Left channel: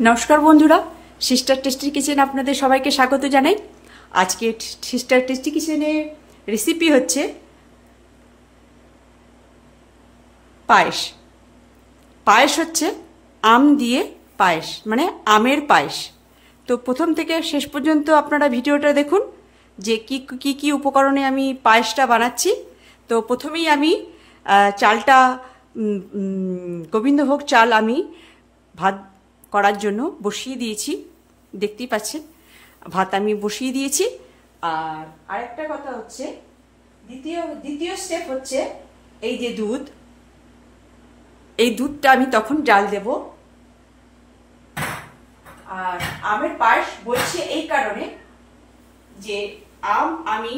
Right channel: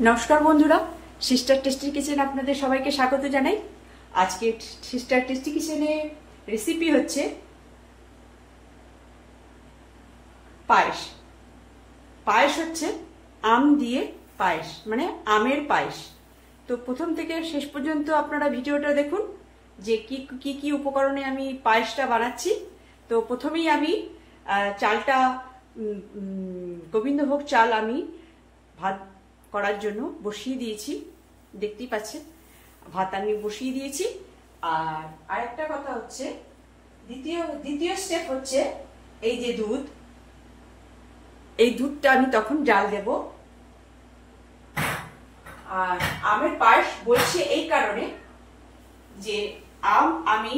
नमस्कार बंधुरा sister tasty kitchen आपनादेर सबाइके स्वागत जानाई। आजके सिस्टार टेस्टी किचेने रेसिपि होच्छे पायेस। पायेस होच्छे आम दिए पायेस माने आमेर पायेस। तो प्रथम थेके शेष पर्यन्त आपनारा भिडियोटा देखुन जे की उपकरणे आमी पायेसटा बानाच्छि। तो प्रथमेई आमी चालटा गोविंदभोग चाल आमी भात করার জন্য বসিয়ে দিয়েছি, দেখতেই পাচ্ছেন ভাত আমি বসিয়ে দিয়েছি। আর আরেকটা কথা হচ্ছে দ্বিতীয় স্টেপ হচ্ছে এই যে দুধ, এই দুধটা আমি তখন জাল দেব। আর আমের পায়েস বলছি এই কারণে যে আম আমি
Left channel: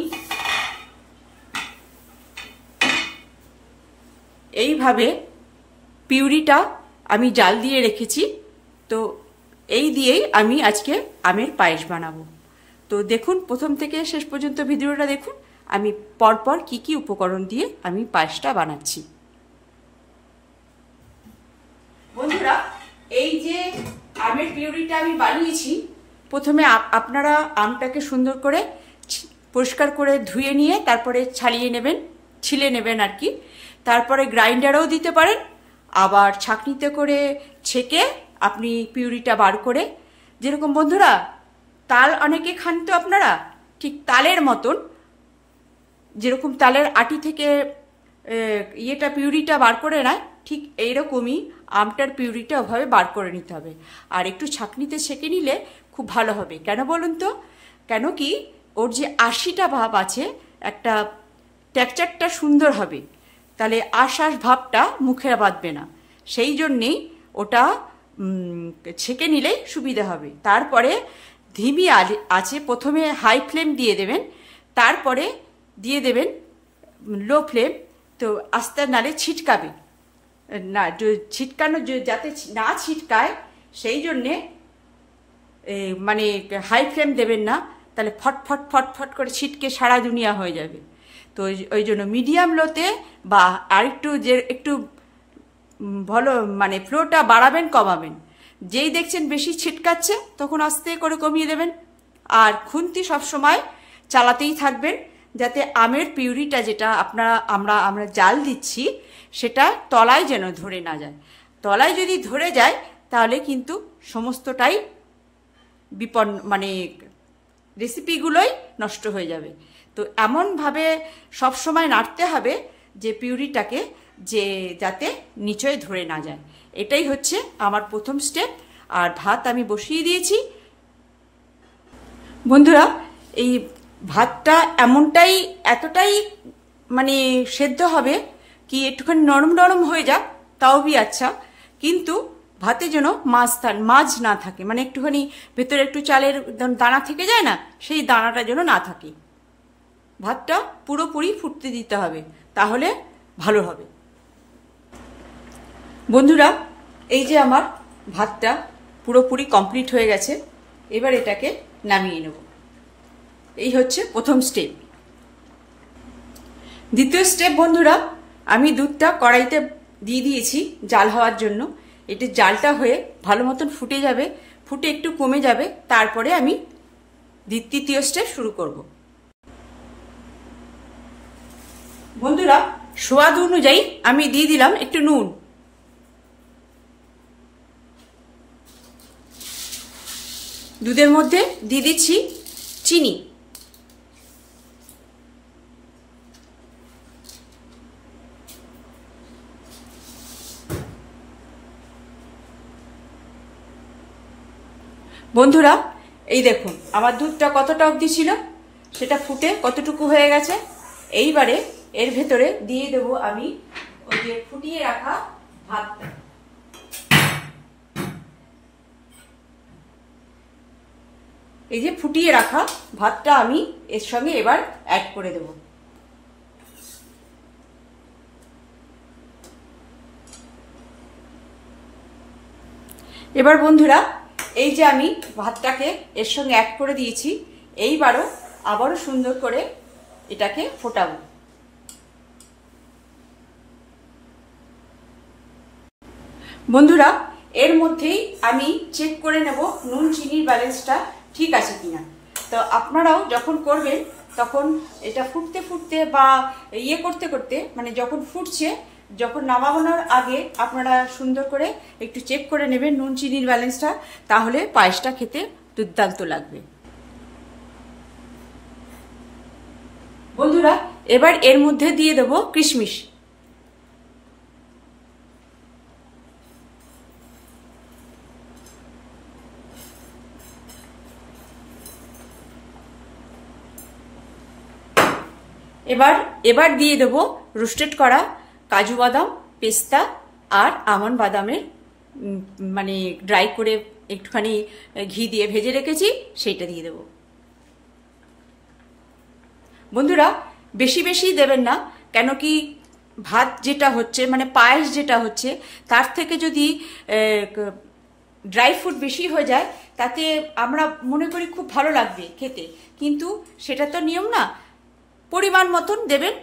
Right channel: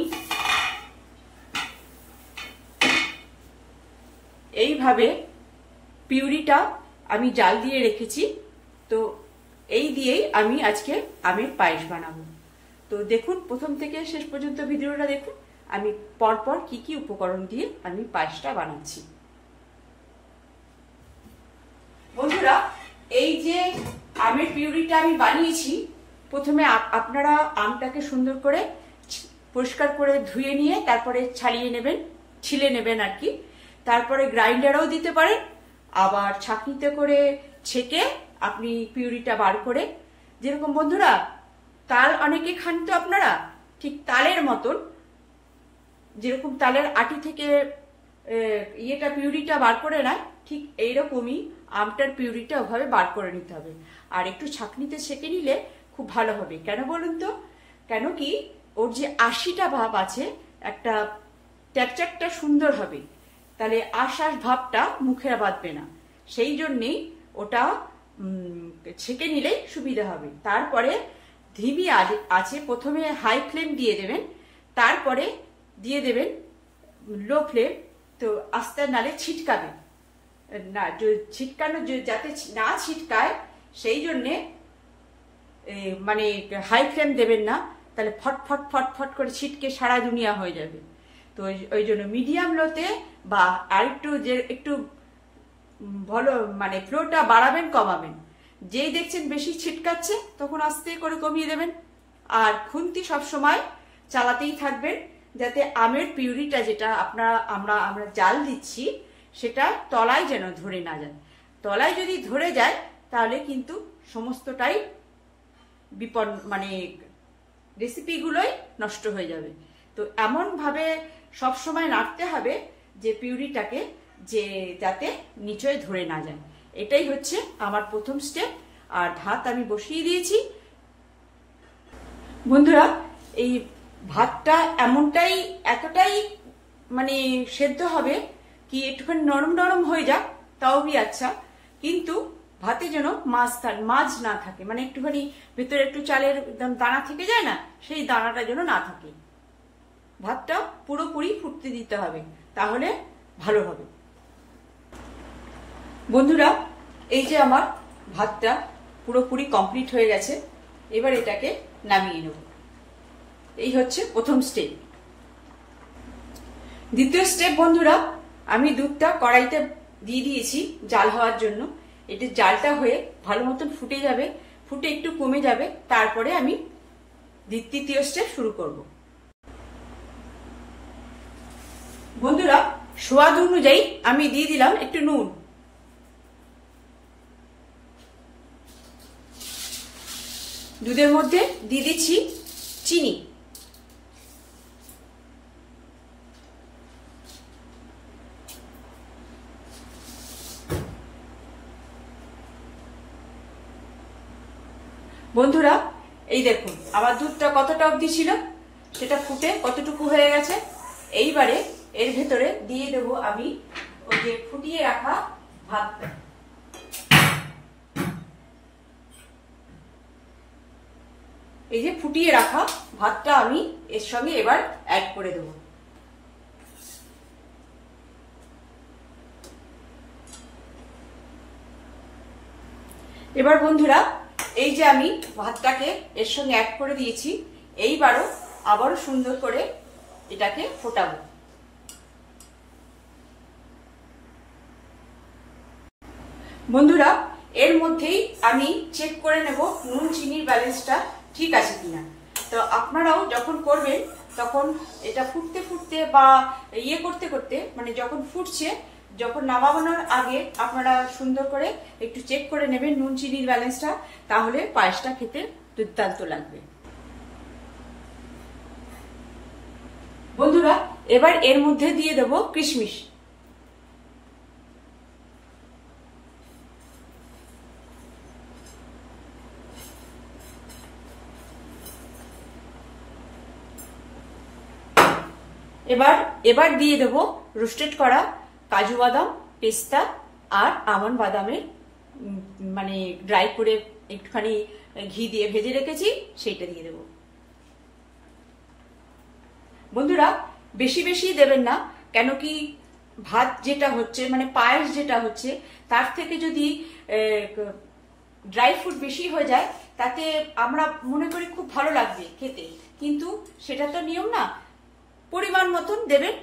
এইভাবে পিউরিটা আমি জাল দিয়ে রেখেছি। তো এই দিয়েই আমি আজকে আমের পায়েস বানাবো। তো দেখুন প্রথম থেকে শেষ পর্যন্ত ভিডিওটা দেখুন আমি পরপর কি উপকরণ দিয়ে আমি পায়েসটা বানাচ্ছি। বন্ধুরা এই যে আমের পিউরিটা আমি বানিয়েছি, প্রথমে আপনারা আমটাকে সুন্দর করে পরিষ্কার করে ধুয়ে নিয়ে তারপরে ছাড়িয়ে নেবেন, ছিলে নেবেন আর কি। তারপরে গ্রাইন্ডারেও দিতে পারেন, আবার ছাঁকনিতে করে ছেঁকে আপনি পিউরিটা বার করে, যেরকম বন্ধুরা তাল অনেকে খান তো আপনারা, ঠিক তালের মতন যেরকম তালের আটি থেকে ইয়েটা পিউরিটা বার করে নেয়, ঠিক এইরকমই আমটার পিউরিটা ওভাবে বার করে নিতে হবে। আর একটু ছাঁকনিতে ছেঁকে নিলে খুব ভালো হবে। কেন বলুন তো? কেন কি ওর যে আশিটা ভাব আছে, একটা টেক্সচারটা সুন্দর হবে, তাহলে আশ ভাবটা মুখে বাঁধবে না। সেই জন্যেই ওটা ছেঁকে নিলেই সুবিধা হবে। তারপরে ধিমি আছে প্রথমে হাই ফ্লেম দিয়ে দেবেন, তারপরে দিয়ে দেবেন লো ফ্লেম। তো আস্তে নালে ছিটকাবে না, ছিটকানো যাতে না ছিটকায় সেই জন্যে মানে হাই ফ্লেম দেবেন না, তাহলে ফটফট ফটফট করে ছিটকে সারা দুনিয়া হয়ে যাবে। তো ওই জন্য মিডিয়াম লোতে বা আরেকটু যে একটু ভালো মানে ফ্লোটা বাড়াবেন কমাবেন। যেই দেখছেন বেশি ছিটকাচ্ছে তখন আস্তে করে কমিয়ে দেবেন। আর খুন্তি সবসময় চালাতেই থাকবেন যাতে আমের পিউরিটা যেটা আমরা জাল দিচ্ছি সেটা তলায় যেন ধরে না যায়। তলায় যদি ধরে যায় তাহলে কিন্তু সমস্তটাই মানে রেসিপিগুলোই নষ্ট হয়ে যাবে। তো এমনভাবে সবসময় নাড়তে হবে যে পিউরিটাকে যে যাতে নিচে ধরে না যায়। এটাই হচ্ছে আমার প্রথম স্টেপ। আর ভাত আমি বসিয়ে দিয়েছি। বন্ধুরা এই ভাতটা এতটাই মানে সেদ্ধ হবে কি একটুখানি নরম নরম হয়ে যাক তাও বি আচ্ছা, কিন্তু ভাতে যেন মাছ না থাকে, মানে একটুখানি ভেতরে একটু চালের দানা থেকে যায় না, সেই দানাটা যেন না থাকে। ভাতটা পুরোপুরি ফুটতে দিতে হবে, তাহলে ভালো হবে। বন্ধুরা এই যে আমার ভাতটা পুরোপুরি কমপ্লিট হয়ে গেছে, এবার এটাকে নামিয়ে নেব। এই হচ্ছে প্রথম স্টেপ। দ্বিতীয় স্টেপ বন্ধুরা, আমি দুধটা কড়াইতে দিয়ে দিয়েছি জাল হওয়ার জন্য। এটা জালটা হয়ে ভালো মতন ফুটে যাবে, ফুটে একটু কমে যাবে, তারপরে আমি তৃতীয় স্টেপ শুরু করব। বন্ধুরা স্বাদ অনুযায়ী আমি দিয়ে দিলাম একটু নুন। দুধের মধ্যে দিয়ে দিচ্ছি চিনি। বন্ধুরা এই দেখুন আমার দুধটা কতটা অবধি ছিল, সেটা ফুটে কতটুকু হয়ে গেছে। এইবারে এর ভেতরে দিয়ে দেবো আমি ওই যে ফুটিয়ে রাখা ভাতটা। এই যে ফুটিয়ে রাখা ভাতটা আমি এর সঙ্গে এবার অ্যাড করে দেব। এবার বন্ধুরা এই যে আমি ভাতটাকে এর সঙ্গে অ্যাড করে দিয়েছি, এইবারও আবারও সুন্দর করে এটাকে ফোটাবো। বন্ধুরা এর মধ্যেই আমি চেক করে নেব নুন চিনির ব্যালেন্সটা ঠিক আছে কিনা। তো আপনারাও যখন করবেন তখন এটা ফুটতে ফুটতে বা ইয়ে করতে করতে, মানে যখন ফুটছে, যখন নামানোর আগে আপনারা সুন্দর করে একটু চেক করে নেবেন নুন চিনির ব্যালেন্সটা, তাহলে পায়েসটা খেতে দুর্দান্ত লাগবে। বন্ধুরা, এবার এর মধ্যে দিয়ে দেব কিশমিশ। এবার দিয়ে দেব রোস্টেড করা কাজু বাদাম, পেস্তা আর আমন্ড বাদামের মানে ড্রাই করে একটুখানি ঘি দিয়ে ভেজে রেখেছি, সেইটা দিয়ে দেব। বন্ধুরা, বেশি বেশি দেবেন না, কেন কি ভাত যেটা হচ্ছে মানে পায়েস যেটা হচ্ছে তার থেকে যদি ড্রাই ফ্রুট বেশি হয়ে যায় তাতে আমরা মনে করি খুব ভালো লাগবে খেতে, কিন্তু সেটা তো নিয়ম না। পরিমাণ মতন দেবেন,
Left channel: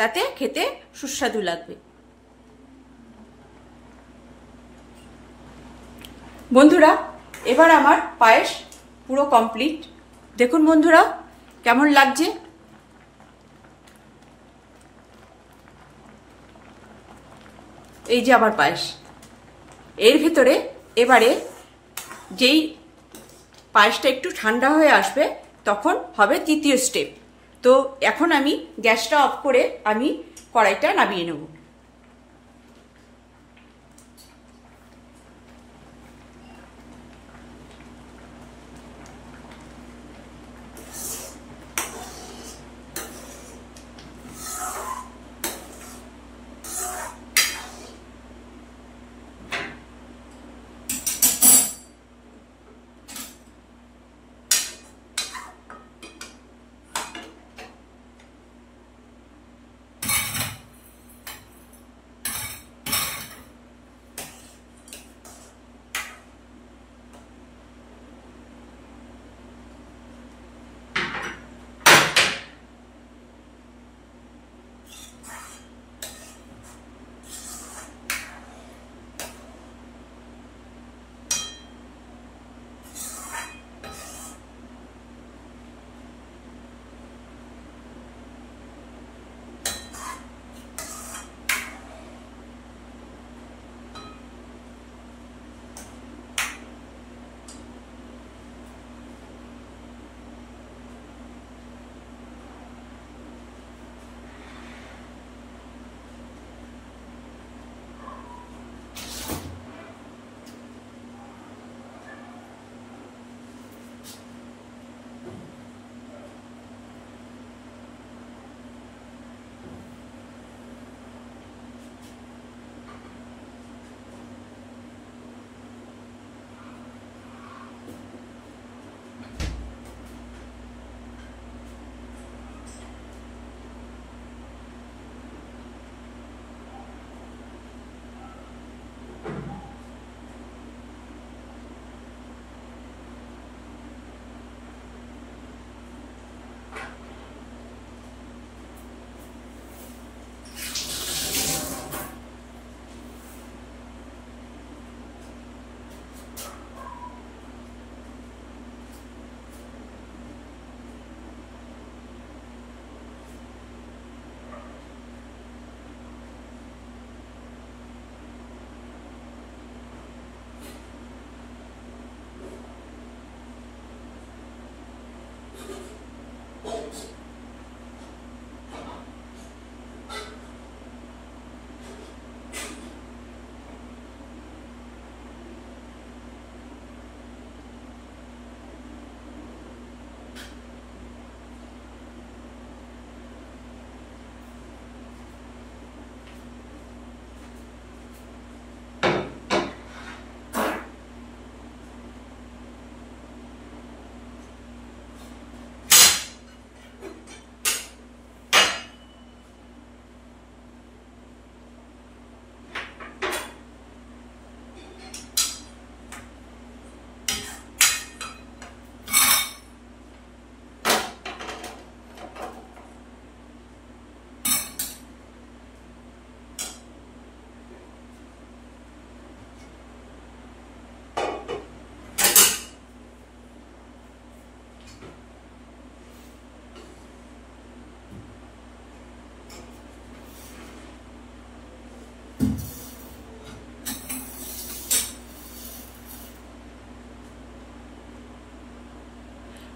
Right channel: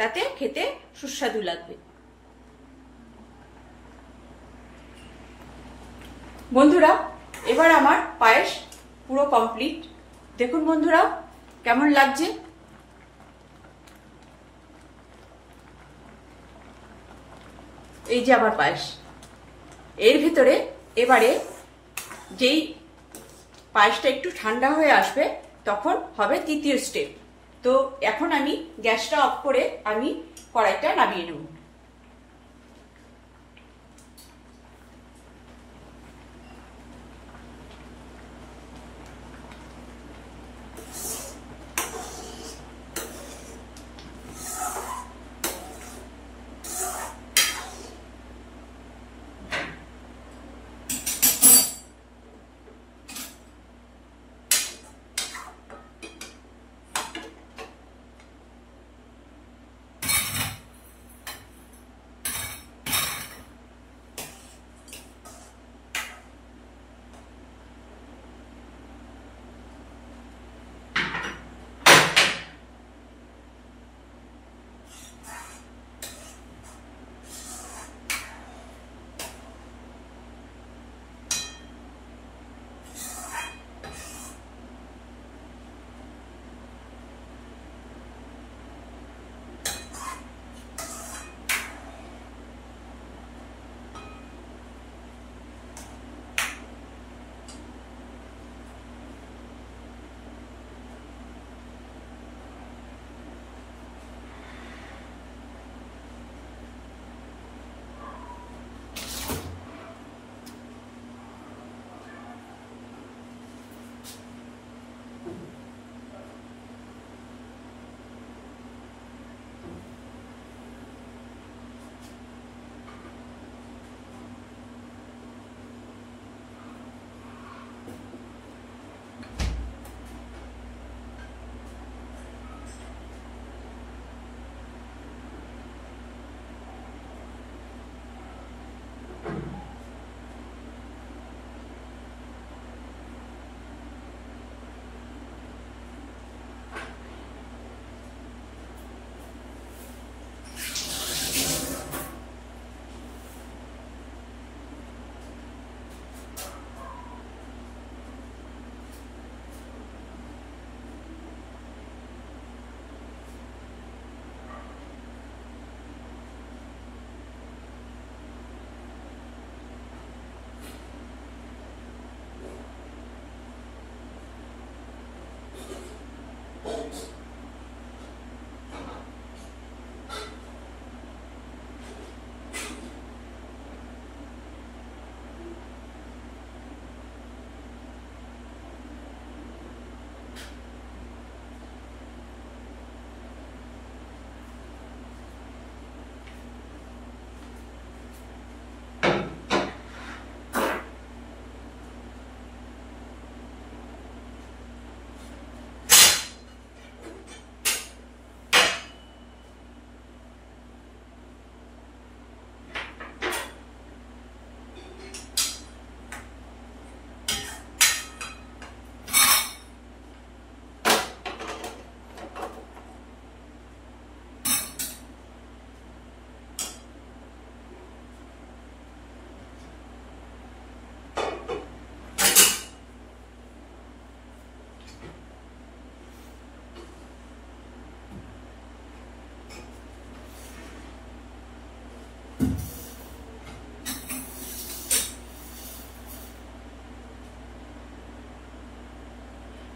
তাতে খেতে সুস্বাদু লাগবে। বন্ধুরা, এবার আমার পায়েস পুরো কমপ্লিট। দেখুন বন্ধুরা কেমন লাগছে। এই যে আমার পায়েস। এর ভিতরে এবারে যেই পায়েসটা একটু ঠান্ডা হয়ে আসবে তখন হবে তৃতীয় স্টেপ। তো এখন আমি গ্যাসটা অফ করে আমি কড়াইটা নামিয়ে নেব।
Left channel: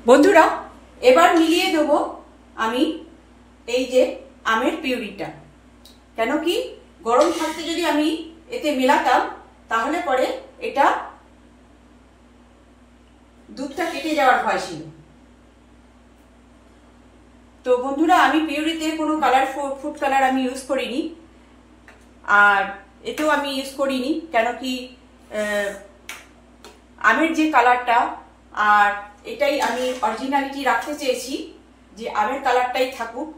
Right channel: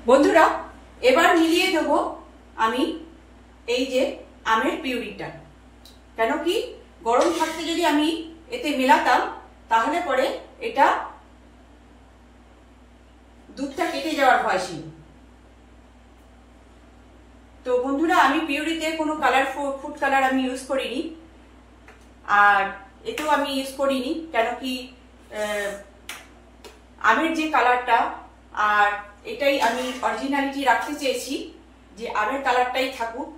বন্ধুরা, এবার মিলিয়ে দেবো আমি এই যে আমের পিউরিটা। কেন কি গরম থাকতে যদি আমি এতে মেলাতাম তাহলে পরে এটা দুধটা কেটে যাওয়ার ভয় ছিল। তো বন্ধুরা, আমি পিউরিতে কোনো কালার ফুড কালার আমি ইউজ করিনি, আর এতেও আমি ইউজ করিনি। কেন কি আমের যে কালারটা, আর এটাই আমি অরিজিনালিটি রাখতে চেয়েছি যে আমের কালারটাই থাকুক,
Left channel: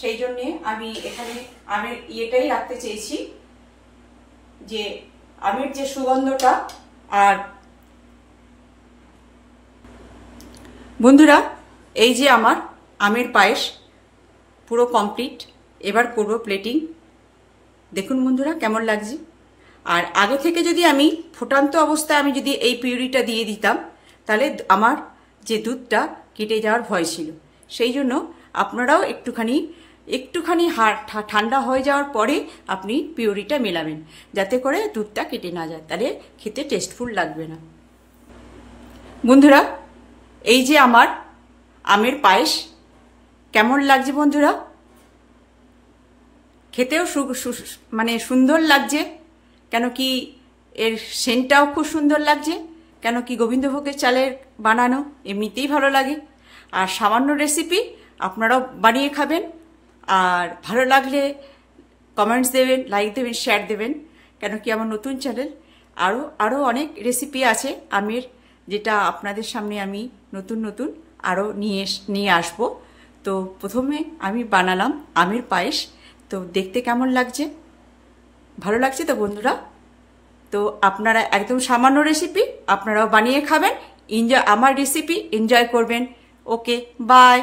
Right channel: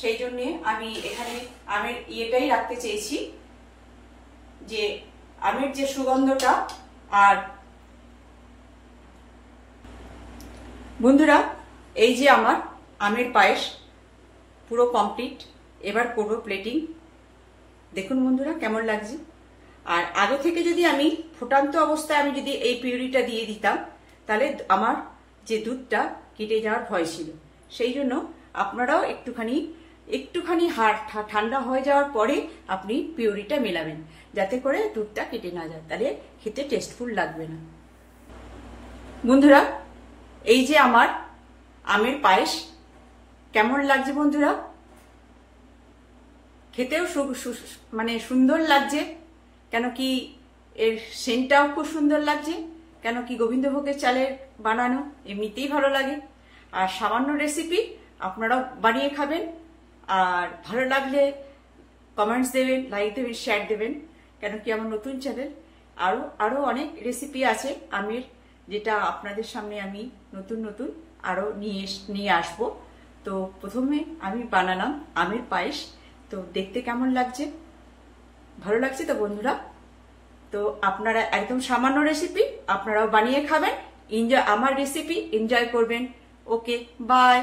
সেই জন্যে আমি এখানে আমের ইয়েটাই রাখতে চেয়েছি, যে আমের যে সুগন্ধটা। আর বন্ধুরা, এই যে আমার আমের পায়েস পুরো কমপ্লিট। এবার করব প্লেটিং। দেখুন বন্ধুরা কেমন লাগছে। আর আগে থেকে যদি আমি ফোটান্ত অবস্থায় আমি যদি এই পিউরিটা দিয়ে দিতাম তাহলে আমার যে দুধটা কেটে যাওয়ার ভয় ছিল। সেই জন্য আপনারাও একটুখানি ঠান্ডা হয়ে যাওয়ার পরে আপনি পিউরিটা মেলাবেন, যাতে করে দুধটা কেটে না যায়, তাহলে খেতে টেস্টফুল লাগবে না। বন্ধুরা, এই যে আমার আমের পায়েস কেমন লাগছে বন্ধুরা, খেতেও মানে সুন্দর লাগছে। কেন কি এর সেন্টটাও খুব সুন্দর লাগছে। কেন কি গোবিন্দভোগের চালের বানানো, এমনিতেই ভালো লাগে। আর সামান্য রেসিপি, আপনারাও বানিয়ে খাবেন। আর ভালো লাগলে কমেন্টস দেবেন, লাইক দেবেন, শেয়ার দেবেন। কেন কি আমার নতুন চ্যানেল, আরও অনেক রেসিপি আছে আমের, যেটা আপনাদের সামনে আমি নতুন আরও নিয়ে আসবো। তো প্রথমে আমি বানালাম আমের পায়েস। তো দেখতে কেমন লাগছে, ভালো লাগছে তো বন্ধুরা? তো আপনারা একদম সামান্য রেসিপি, আপনারাও বানিয়ে খাবেন, আমার রেসিপি এনজয় করবেন। ওকে, বাই।